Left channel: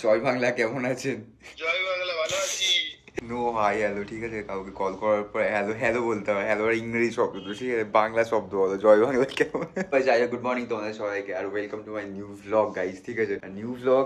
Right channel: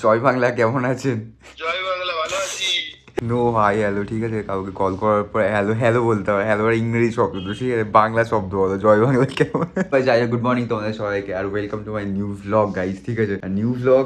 জয় বাংলা, কেমন আছেন? জয় বাংলা, ভালো আছি। নো হাই হ্যালো, ঠিক আছে? কাউকে কল করার পর হ্যালো হ্যালো বলতে হবে। হ্যালো আর ইংরেজি শব্দ তো, ঠিক আছে? বাংলা শব্দ বলো, জয় বাংলা কেমন? ভাই যাই হোক, গুড মর্নিং তোমাদের সবাইকে, আর welcome to my new vlog guys, ঠিক আছে? নিউ ভ্লগ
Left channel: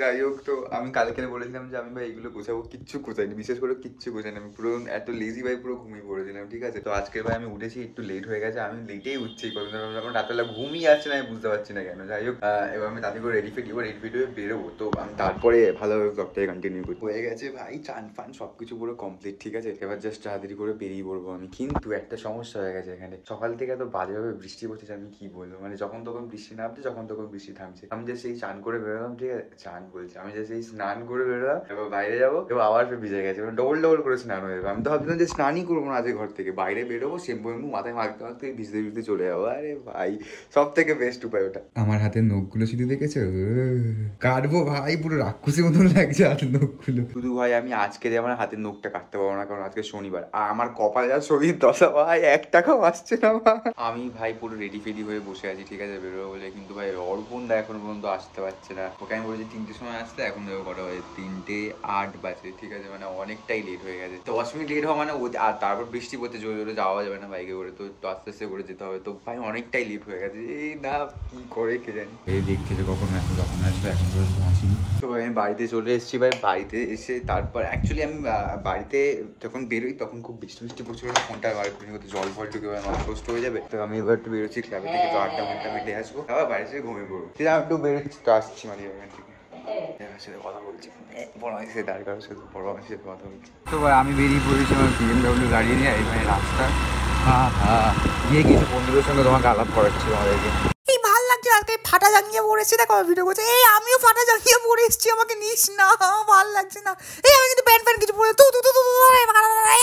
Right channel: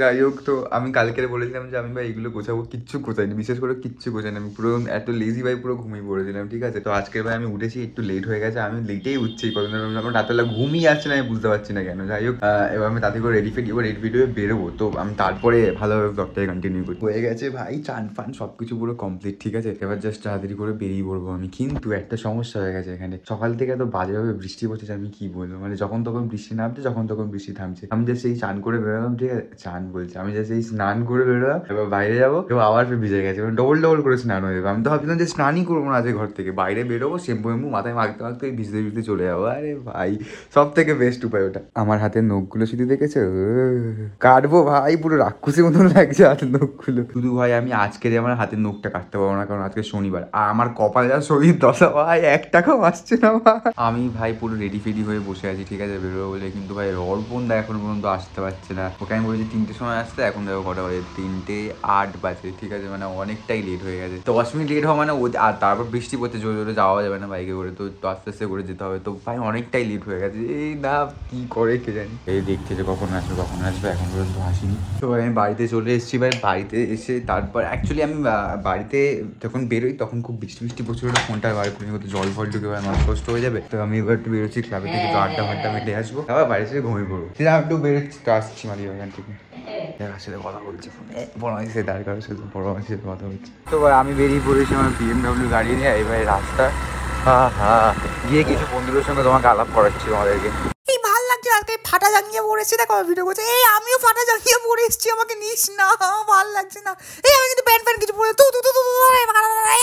যাই হোক, তো আমি কালকে বলেছিলাম যে আমি ভাই এগুলো গোছাবো, কিচ্ছু গোছাইনি, বিশেষ করে কিচ্ছু গোছাইনি। আমি পুরো এত লেজি ভাই, পুরো ঘুমিয়ে পড়েছিলাম, ঠিক আছে? তো আজকের ভাই আমি উঠেছি একটু লেট হয়ে গেছে, আমি লেটেই উঠছি কতদিন, আমার রাতেবেলা ঘুমিয়ে আসছে না, আমি বুঝতে পারছি না কেন। যাই হোক, এবার আমি তাতে করে রেডি হয়ে বেরোবো, তো আমি তারপরে ভালোভাবে ব্লগটাকে কন্টিনিউ করি। হয়ে গেছে ভাই, চান ফান সবকিছু পুরো কমপ্লিট, ঠিক আছে? এবার জাস্ট তাড়াতাড়ি করে বেরিয়ে পড়বো আমি। কিন্তু একটা সমস্যা হয়ে গেছে এখানে, সকাল থেকে এত বাজেভাবে বৃষ্টি পড়ছে, আমি কি বলবো, মানে যখন তখন বৃষ্টি নামছে, যখন তখন বৃষ্টি থামছে। আমি জাস্ট এই চান করে বেরোলাম, ঠিক আছে? চান বলছে, আমি জাস্ট এই স্নান করে বেরোলাম, এবার বাইরে যাবো, এবার আবার ফের ভিজে গেছে, ডবল ডবল করে স্নান হয়ে যাবে। আমি তো ভাবছিলাম যে স্নানই করবো না আজকে, ঘর থেকে বাইরে বেরোবো, শ্যাম্পু মাথায় মাখতে মাখতে ভিজতে ভিজতে চলে যাবো। আরে ভাই, সব থেকে বেস্ট উপায় ওটা। আমার হাতের নখগুলো শুধু দেখেছো, কাটবো ভাই, পুরো রাক্ষসের মতন লাগছে হাতের নখগুলো। শুধু ভাই আমি আজকে আমার হাতের নখটা কাটতে পারবো না, কারণ আজকে শনিবার, আর আমার কপাল যা শরীর দশা ভাই, 1 টাকাও আসছে না ভাই। আমি ভাই পুরো রেডি ফেডি হয়ে বসে আছি, ঠিক আছে, বেরোবো বলে। কিন্তু ভাই অর্পণদা এখন পর্যন্ত আসতে পারছে না। ওকে আমি বলেছি 3টের সময় আসতে, এখন দেখো কটা বাজে, 3:08 বাজে, ঠিক আছে? মানে অনেকটাই লেট হয়ে গেছে। 10 মিনিট লেট হওয়া মানে আর তারপর বৃষ্টি পড়তে জোরে জোরে যাওয়া যাবে না বাইকে করে, তো আস্তে আস্তে করে যেতে হবে। তো ভাই অনেকটাই লেট হয়ে গেছে, এই না কি করে কে জানি। এই দেখছে যে কখন আসবে, এখন পর্যন্ত আসিনি। তো ভাই আমি বাড়িতে চলে এসেছি ভাই। বাড়িতে এসে তারপর অ্যাকচুয়ালি আমি বাড়িতে যখন বেরোই তখন খুব বৃষ্টি প্রচুর, ফোনটা বার করে হয়তো জল ফল ঢুকে নষ্ট হয়ে যাবে। তো আমি এবার একটু বেরোচ্ছি ক্লাবে থেকে, তো আড্ডা ফাড্ডা মেটে আসবো, আবার বাড়ি থেকে ঘুমিয়ে পড়বো। ঠিক আছে, একটু বেরোচ্ছি, তো আসছি মানে ওখান থেকে। সাথে কথা বলছি ফোনে, বড় মাসির সাথে, আর কারোর সাথে বড় মাসির সাথে কথা বলছি। তো ভাই আমি বেরিয়ে পড়েছি আমার BMW গাড়ি নিয়ে, এবার রাস্তা গিয়ে কিছু বন্ধুদের সঙ্গে তোমাকে আলাপ করাচ্ছি তোমাদেরকে। এই ভাল লাগছে, আজকে ফাটা জাঙ্গিয়া পরেছি, দেখো ভিডিও করছে। এই আমিও ফাটা জাঙ্গিয়া পরে এসেছি, আমাকে নিস না, ভাল লাগছে না। এই আমি কিন্তু প্যান্ট প্যান্ট কিছু পরে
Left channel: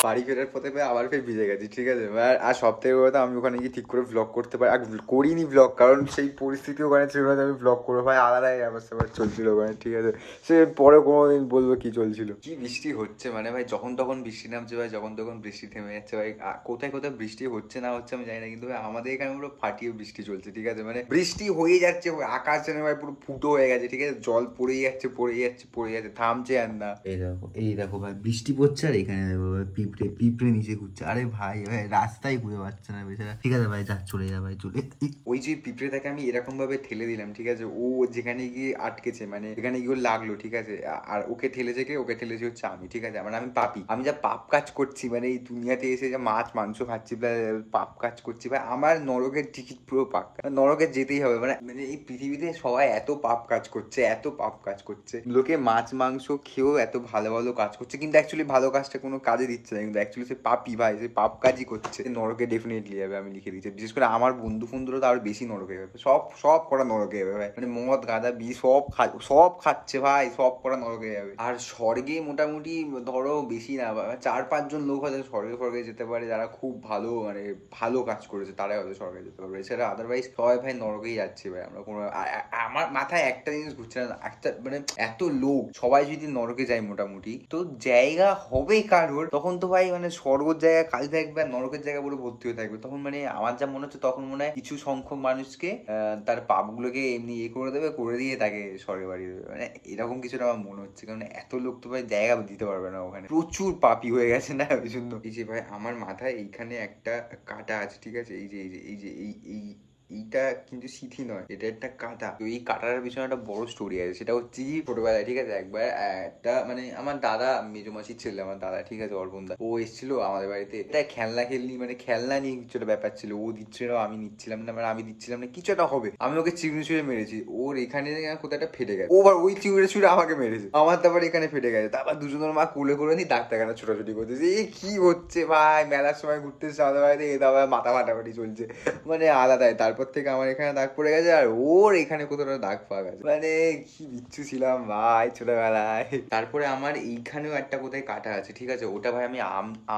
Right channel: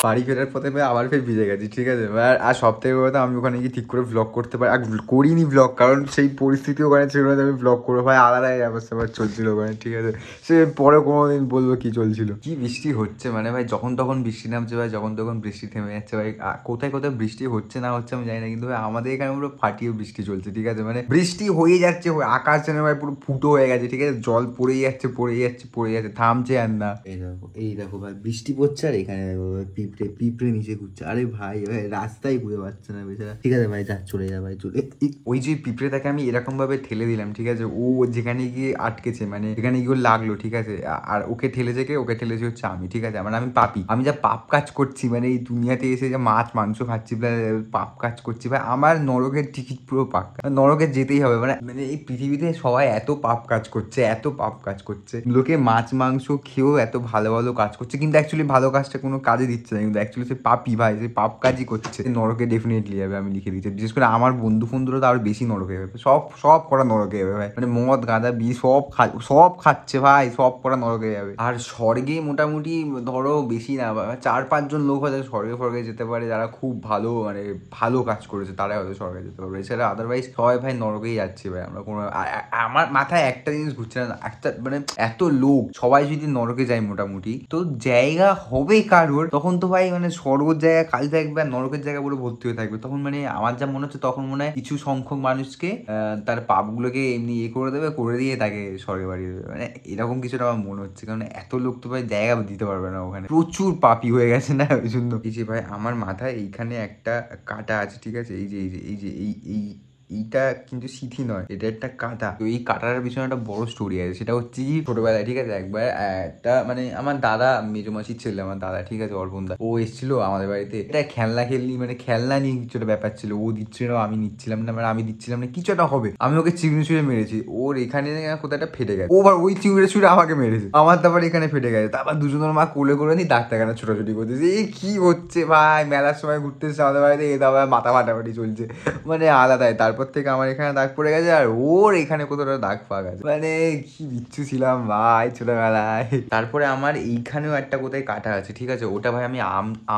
বাড়ি ফেরার পথে ভাই আবার ফের ভিজে গেছি, ঠিক আছে? আর সব থেকে কথা, আমি ওখানে গিয়ে ঠিক করে ব্লগ করতে পারি, আর করিনি ব্লগ, কারণ সেই পরিস্থিতি ওখানে ছিল না আমি ব্লগ করবো। ভাই আলাদাই অবস্থা চলছিল ওখানে, ঠিক আছে? সে পরে কোনোদিন বলবো কি চলছিল। কি বৃষ্টি হচ্ছে মানে ভাই, যখন তখন বৃষ্টি নামছে ভাই, যখন তখন বৃষ্টি থেমে যাচ্ছে ভাই। কোথায় কোথায় বৃষ্টি হচ্ছে না হচ্ছে আমি জানি না, কিন্তু ভাই আমাদের এখানে পুরো ফাটিয়ে বৃষ্টি চলছে, ঠিক আছে? মানে বৃষ্টি হয়ে যাচ্ছে, আকাশ যেন ভাই পুরো ফুটো হয়ে গেছে, ঠিক আছে? জল পড়েই যাচ্ছে, থামছে আর না। এই দেখো ভাই, বৃষ্টি পড়ছে, আর এখানে দেখো পিঁপড়ে নিচে ঘুরছে। আরে ভাই রাস্তায় ঘুরে পাচ্ছে না বেচারা। ঠিক আছে ভাই, চলে যা ভাই, চলে। ওই যে পিঁপড়েটাকে আমি এরকম ভাবে ঠেলে দিলাম, ঠিক আছে? ও যেখানে গিয়ে আটকেছে, মানে এখানে গিয়ে লাগলো, ঠিক আছে? আর ওকে ঠেলেছে হচ্ছে আমি, ঠিক আছে? মানে আমি পাপি, আমি যা পাপ কাজ করছি, মানে এই দুনিয়াতে এসে যা মাছ মাংস খাচ্ছি, পাপ কাজ করছি ভাই, আমার নরকের টিকিট পুরো পাক্কা, নরকে যেতেই হবে। মানে মানে এই পৃথিবীতে সবাই এত পাপ কাজ করছে, লোকে মাছ মাংস খেয়েও এত ভালো ভালো কাজ করছে, কিন্তু অ্যাকচুয়ালি ভালো কাজটা কোনো কাজে দিচ্ছে না, কিন্তু অ্যাকচুয়ালি সে পাপি ভাই, সে পাপ কাজই করছে, নরকে ডেফিনেটলি যাবে, আমি লিখে দিচ্ছি। বিশেষ করে আমার বন্ধুরা তো আরো বেশি নরকে যাবে, সব করা নরকে যাবে ভাই। মানে মদ গাঁদা বিষ সব খাচ্ছে ভাই, সব করা নরকে যাবে। আর স্বর্গে মোটামুটি ধরো বেশি না, 4-5 জন লোক হয়তো স্বর্গে যেতে পারে, যারা খুব ভালো, মানে ভালো কাজ করেছে, তারাই হয়তো স্বর্গে যেতে পারবে। এছাড়া আদারওয়াইজ সবাই ভাই নরকেই যাচ্ছে ভাই। আমরা কোনো আমার মাথায় একটা জিনিস ঘুরছে না, একটা মানে এত লোক সবাই যদি নরকে যায় মোটামুটি, তো জায়গা হবে কারোর, তখন তো ভাই মানে স্বর্গের জায়গা খালি থাকবে আর নরকের জায়গা পুরো ভর্তি হয়ে থাকবে। তখন মানে আমার যা মনে হচ্ছে, তখন মনে হয় কিছু সংখ্যক মানুষকে তার পাপগুলোকে এমনি করে দিয়ে তাকে স্বর্গে বাড়িয়ে দেবে, মানে এরকম কিছুটা আমার মনে হচ্ছে। কারণ এত লোক তো ভাই জায়গা দিতে পারবে না, ওখানে প্রচুর পাপি হয়ে গেছে না ওই জন্য। এই যে ভাই আমার মাথায় এইখানে একটা কাটা আছে, ঠিক আছে? এইটা কিন্তু সিথি নয়, এটা একটা কাঁটা। তো এই কাঁটার পিছনে একটা বড় স্টোরি আছে। সেটা হচ্ছে কি, ছোটবেলায়, ঠিক আছে, একবার একটা মানে আমার দাদা, মেজমাসির ছেলে, আমার দাদা, ঠিক আছে, অর্পণ দা, ও এসেছিল আমাদের বাড়িতে। এটা খেলনা মানে খেলনা নিয়ে কিছু একটা ব্যাপার ছিল। ও দিচ্ছিল, আমি নিচ্ছিলাম না, মানে আমি দিচ্ছিলাম না, কিছু একটা হবে। আমি ওকে চিংড়ি ছুঁড়ে মেরেছি, ওর এখানে কোথাও একটা ফেটে গেছে। ওবার ওই চিংড়ি ছুঁড়ে আমাকে মেরেছে, আমার তারপর এখানে ফেটে গেছে। তারপর দুজনের মা কোলে করে নি ডাক্তারখানা ছোটাছুটি করতেছে। এই কি হচ্ছে ভাই, মেলার সময় ঘুরতে এসেছে আমাদের বাড়িতে, এ তারপর মাথা ফাটাফাটি চলছে, মানে আলাদাই। তারপর থেকে আমার এখানে দাগ পড়ে গেছে, আর ওর এখানে কোথাও দাগ ফাগ আছে। মানে কি বিচ্ছু ছিলাম ভাই ছোটবেলায়। তারপরে আমার এইখানেও একটা কোথায় কাটা আছে, ঠিক আছে? ওটা ভাই আমি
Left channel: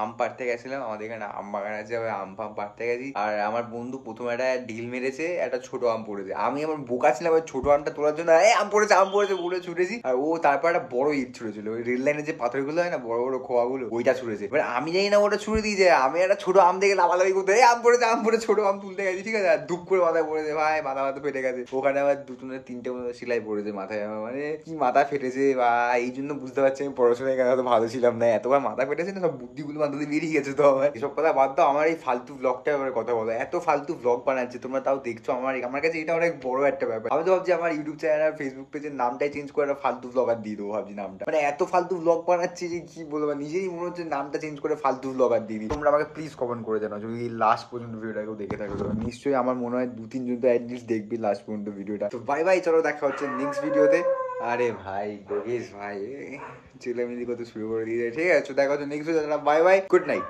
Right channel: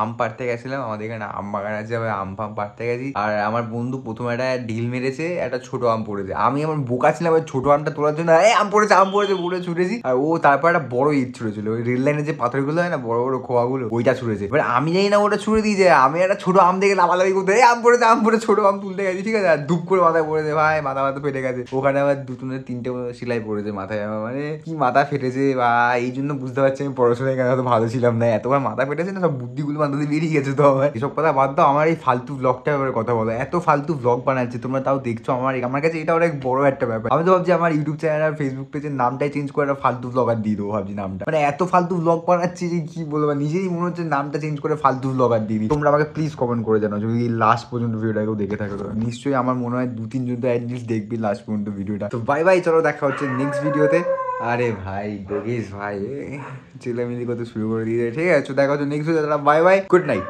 আম পাড়তে গেছিলাম, আমাদের এখানে আম বাগান আছে ভাই, আম ফাম পাড়তে গেছি। আর আমার বন্ধু প্রথমে একটা ঢিল মেরেছে, একটা ছোট আম পড়েছে। আমি আমার বোকা ছিলাম, ছোট আমটা তোলার জন্য আম পড়েছে বলে ছুটেছি। আর ও তারপর একটা বড় ইট ছুড়েছিল, ওই রেল লাইনে যে পাথরগুলো হয় না, বড় বড় খোয়াগুলো, ওইটা ছুড়েছে। এবার আমি জানি না ওটা ছুড়ে দিয়েছে, আমি একটা ছোট আম দেখে লাফালাফি করতে, আম পড়েছে ছোট আম তুলতে গেছি, ঠিক আছে? আর দুপ করে মাথায় পড়েছে ভাই, মাথা ফেটে গেছে। ওখানে আবার দুটো না তিনটে মতো সেলাই পড়েছে মাথায় আমার, মানে কি মাথা ফেটেছে ভাই। এই জন্য বুঝতে পারছি আমি পড়াশোনায় কেন এত ভালো ছিলাম না, এতবার মাথা ফেটেছে না, সব বুদ্ধিগুলো মাথা দিয়ে বেরিয়ে গেছে। তো আমার এসব কথা বাদ দাও, আমার এই ফালতু ব্লগটা এবার কথা বলো। এত ফালতু ব্লগ বানাচ্ছে তোমরা, তাও দেখছো। আমার কাছে এটা অনেক বড় একটা ব্যাপার। আমি তো ভাবছি আমার ইউটিউব চ্যানেল আর ফেসবুক পেজের নামটাই চেঞ্জ করে একটা ফালতু ব্লগার দিয়ে দেবো ভাবছি নামটা। মানে এত ফালতু ব্লগ বানাচ্ছি যে কি বলবো, নিজেই মনে হচ্ছে নামটা চেঞ্জ করে ফালতু ব্লগার দিয়ে দিই। তোমরা আমাকে প্লিজ কমেন্ট করে জানাও যদি লাস্ট পর্যন্ত ভিডিওটা কেউ দেখে থাকো। নিশ্চয়ই আমার মনে হয় 2-3 জন তো অ্যাটলিস্ট দেখবি লাস্ট পর্যন্ত ভিডিওটা। তো বাই বাই, চলো দেখা হচ্ছে নেক্সট ভিডিওতে। আরে ভাই যোগেশ ভাই ছেলেমিলি করতে শুরু করে দিয়েছে, ঠিক আছে দেখা হচ্ছে নেক্সট ভিডিওতে। Bye bye, good night.